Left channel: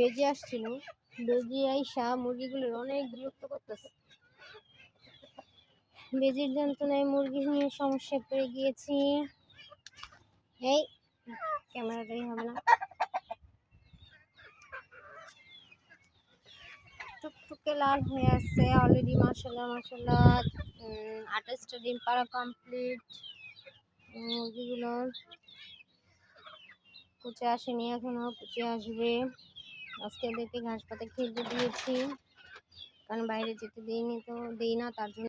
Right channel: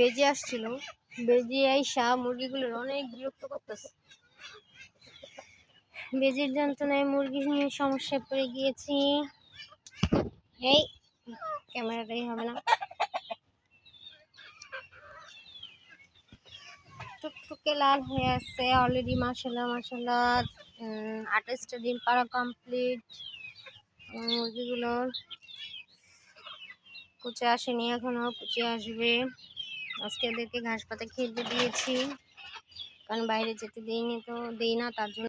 বেজে আসছিল, বেজে আইসা মুরগিগুলোর অনেক বিরক্ত করতেছে। বেজির যন্ত্রণায় মুরগি নিয়ে সমস্যায় পড়ে গিয়েছি। এই ক্যামেরাটাই হবে না। টুকটুকে লাল হয়ে আছে অলরেডি। মাশাআল্লাহ মাশাআল্লাহ, 28টা ডিম পাড়া কমপ্লিট। মুরগিগুলোর কুচে আসেনি এখনো, কুচে আসবে। আজকে এদেরকে ঘাস পাতা খেতে দিয়েছি, কারণ বাইরে যেতে দিই না, তার জন্য